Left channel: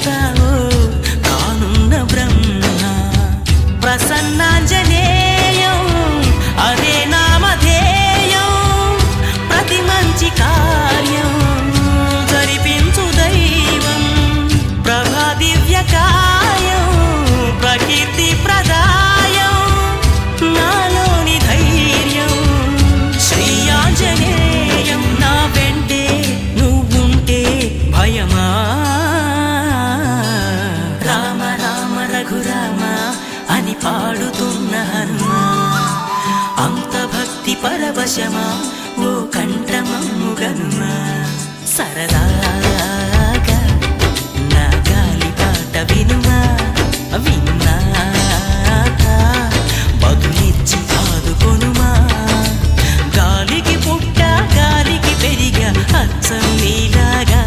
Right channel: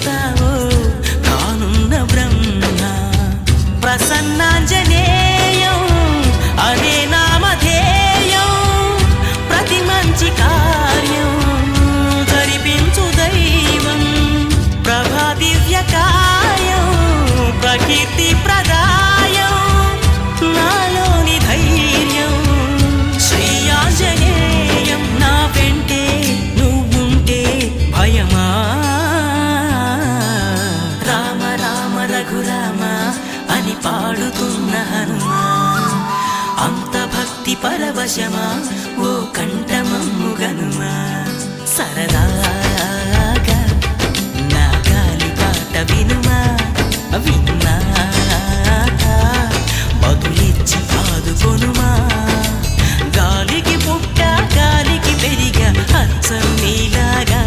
చూస్తావో కానున్న బ్రహ్మ. ప్రసన్నాంజనేయం అనే నామధేయం ప్రతి మంచి కార్యం జరిపించు దైవం. ప్రభా దివ్యకాయం ప్రకీర్తి ప్రదాయం నాలోని ధైర్యం శ్రీ ఆంజనేయం. నా వెంటే నువ్వుంటే భయమా? రామ రామ రఘురామ అని పాడుతున్న హనుమా, అంత భక్తి పరవశమా ఓ కంఠమమ్ము గనుమా. సరదాగా నా గాలి పాట వినుమా, విన్నాక బదులిచ్చి ఆదుకొనుమా. గాలికి పుట్ట గాలికి పెరిగా అచ్చం నీలాగా